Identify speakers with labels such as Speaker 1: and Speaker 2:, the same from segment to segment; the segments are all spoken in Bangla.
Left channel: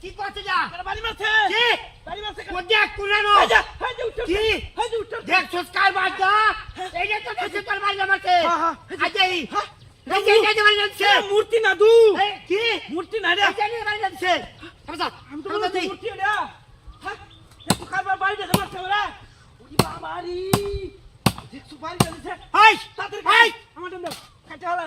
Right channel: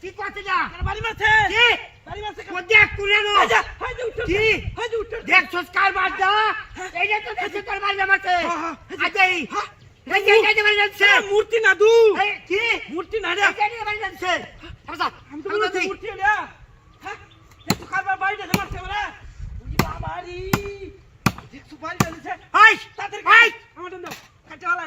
Speaker 1: কি করতে যা কি দেখ কুড়ে নো কি দেখ সুস্কার
Speaker 2: মূর্তি না দু।
Speaker 1: কি?
Speaker 2: মূর্তি না রে। আমি তো মূর্তি রে কারবার বাড়িতে মারছে ওরা ওই বাবারি। দেখছ বাড়িতে দিছে
Speaker 1: হাই
Speaker 2: তাদের
Speaker 1: হাই
Speaker 2: আমার দাও কাটা হলা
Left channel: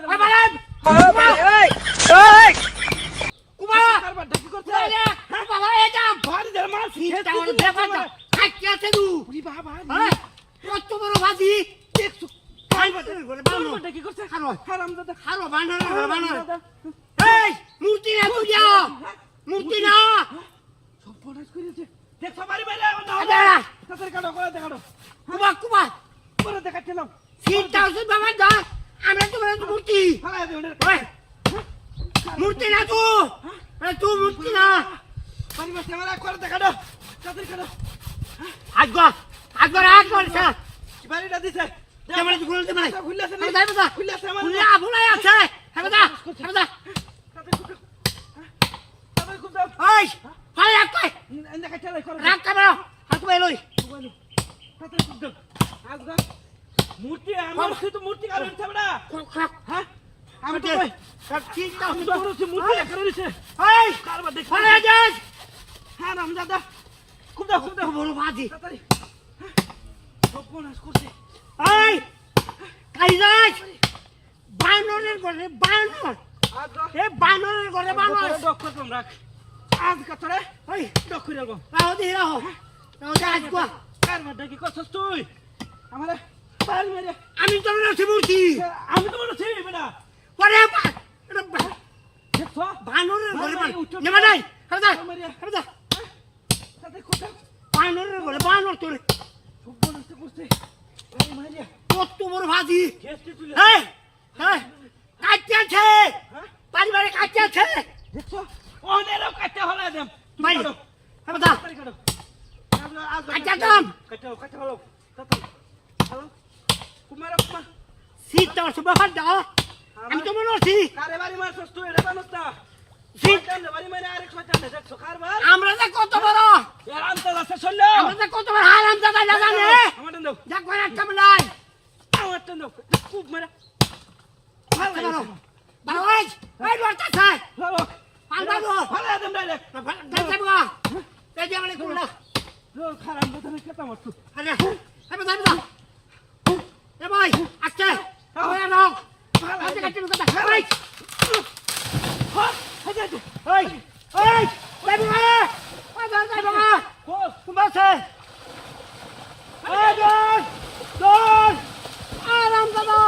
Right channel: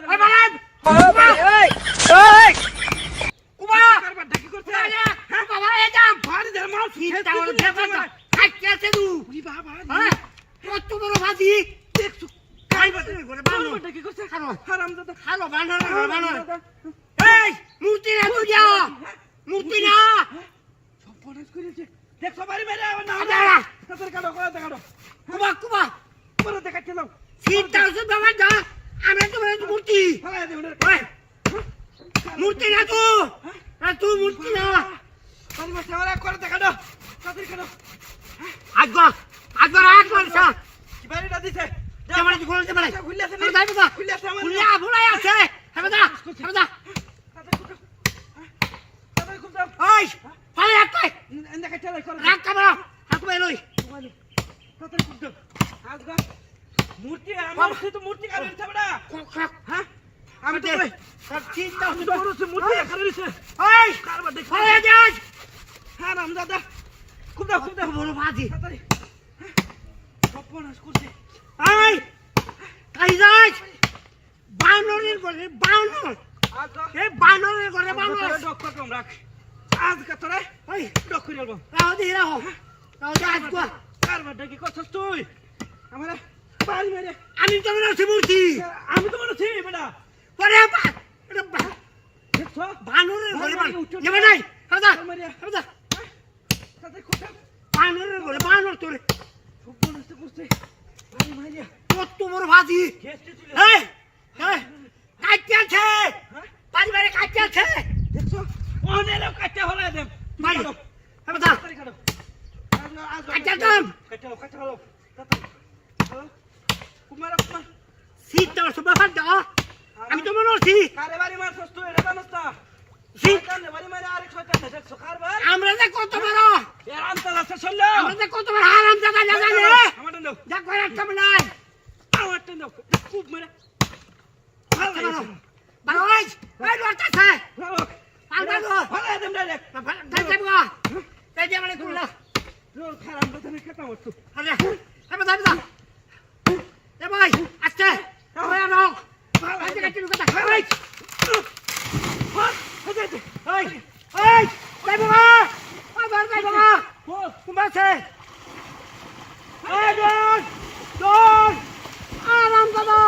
Speaker 2: কারবার ডাকি করছে?
Speaker 1: হ্যাঁ? বাবা এই যাম
Speaker 2: বাড়ি ধরে মার
Speaker 1: চিন্তা করে দেখো না খাইতে আছে তু
Speaker 2: ওই বাবা
Speaker 1: হ্যাঁ? কত বড় ভাজি করে বানো
Speaker 2: ডাকি করছে?
Speaker 1: খানো
Speaker 2: হারাম দাদা
Speaker 1: খালো বানো না বানো এই মূর্তি না তুই মূর্তি না।
Speaker 2: সব পড়াশ করেছে না
Speaker 1: না।
Speaker 2: তাদের কাটো করে দেখাটো
Speaker 1: কুমা কুমা।
Speaker 2: পুরো দেখাচ্ছিলাম।
Speaker 1: চিন্তা আছে বাবা যা আমরা তো বলে মূর্তি। মূর্তি না তু। তুই মূর্তি না।
Speaker 2: বাড়ি ওরা করে দেখাটো তাদের কাটো।
Speaker 1: আজগর আজগর আজগর স্যার।
Speaker 2: বাড়িটা দিছে?
Speaker 1: কেমন আছে খুলে দেবে
Speaker 2: খুলে আছে
Speaker 1: খুলে দেবে তো
Speaker 2: খুলে আছে আমার
Speaker 1: খুলে আফুলাই আছে। হবে দা হবে
Speaker 2: কুটো
Speaker 1: ওই ফাই একটা
Speaker 2: দেখাচ্ছে করে
Speaker 1: রাখ কামড়া হাত মে লই।
Speaker 2: মূর্তি আমার তো মূর্তি কারণ ছাড়া হ্যাঁ? আমি তো কই?
Speaker 1: চিন্তা
Speaker 2: আমি তো মূর্তি এখানে রয়েছে।
Speaker 1: ওই
Speaker 2: কারবার দেখ।
Speaker 1: ফাই যাস
Speaker 2: হ্যাঁ রাম দাদা। কুটো কুটো
Speaker 1: বড় বাজি।
Speaker 2: তাড়াতাড়ি। সপনাস করছে
Speaker 1: ওই কাই যাস বানরের ঘরে বানর।
Speaker 2: আজগা
Speaker 1: এ বানরের ঘরে বানর।
Speaker 2: ডক্টর কম রাখ। আজগা তোরা?
Speaker 1: ওই
Speaker 2: ডক্টর
Speaker 1: রাও দি রাও। রাও
Speaker 2: ডাকি করছস তুই? আমারে বাড়ি মেরে।
Speaker 1: আমি তো হচ্ছে মূর্তি
Speaker 2: আমি তো মনে ছিলি বেটা।
Speaker 1: পরে এটা বানরের ঘরে বানর। নেবা নাই বানরের ঘরে বানর তোরে।
Speaker 2: করছে বাড়ি মেরে।
Speaker 1: কত বড় ভাজি
Speaker 2: গেস্টে তুলে
Speaker 1: এই এই কাটতে আছে পারিবারে কাটতে আছে
Speaker 2: দেখছ অনেক কাটা। হলো দেম
Speaker 1: ভাই হবে দা
Speaker 2: তাড়াতাড়ি কাটো।
Speaker 1: কাটা কাম
Speaker 2: কাটা। কাটা। হলো হ্যালো কুমার আপনা
Speaker 1: শীতটা সুবা ফাল দা আমি তো মনে হচ্ছি
Speaker 2: কারে বাড়ি মারছস তুই? এটা জানোস না
Speaker 1: শীত
Speaker 2: শয়তান বাড়ি মারে আরেক শয়তান দেখছ কারবার
Speaker 1: আমরা যে কত বড়।
Speaker 2: এর আমতা আছে চলল
Speaker 1: আমরা যে কত বড়। হারাম জায়গা জায়গা নে
Speaker 2: আমার দাও
Speaker 1: যা কয় একটা মিলাই
Speaker 2: আমার দাও খুব মেরে
Speaker 1: ভালো ভালো গাইজ এই লড়তে আছে।
Speaker 2: ভালো
Speaker 1: পাল বাবু।
Speaker 2: ভালো দেম ডাইরেক্ট
Speaker 1: না ভালো তাই যাব গা তাই দিয়ে মানে কুলা
Speaker 2: রোল খারাপ কথা না কেতা মারছু
Speaker 1: আরে হবে দা দা এ ভাই আচ্ছা ওই আনো। আজকে কাটি কথা। এই।
Speaker 2: হ্যাঁ হয়ে যাচ্ছে
Speaker 1: এই এই তাই বাবা ওই ধর তাই বাবা
Speaker 2: বল
Speaker 1: কুমাছে এই দোন দোন আরাম দাদা।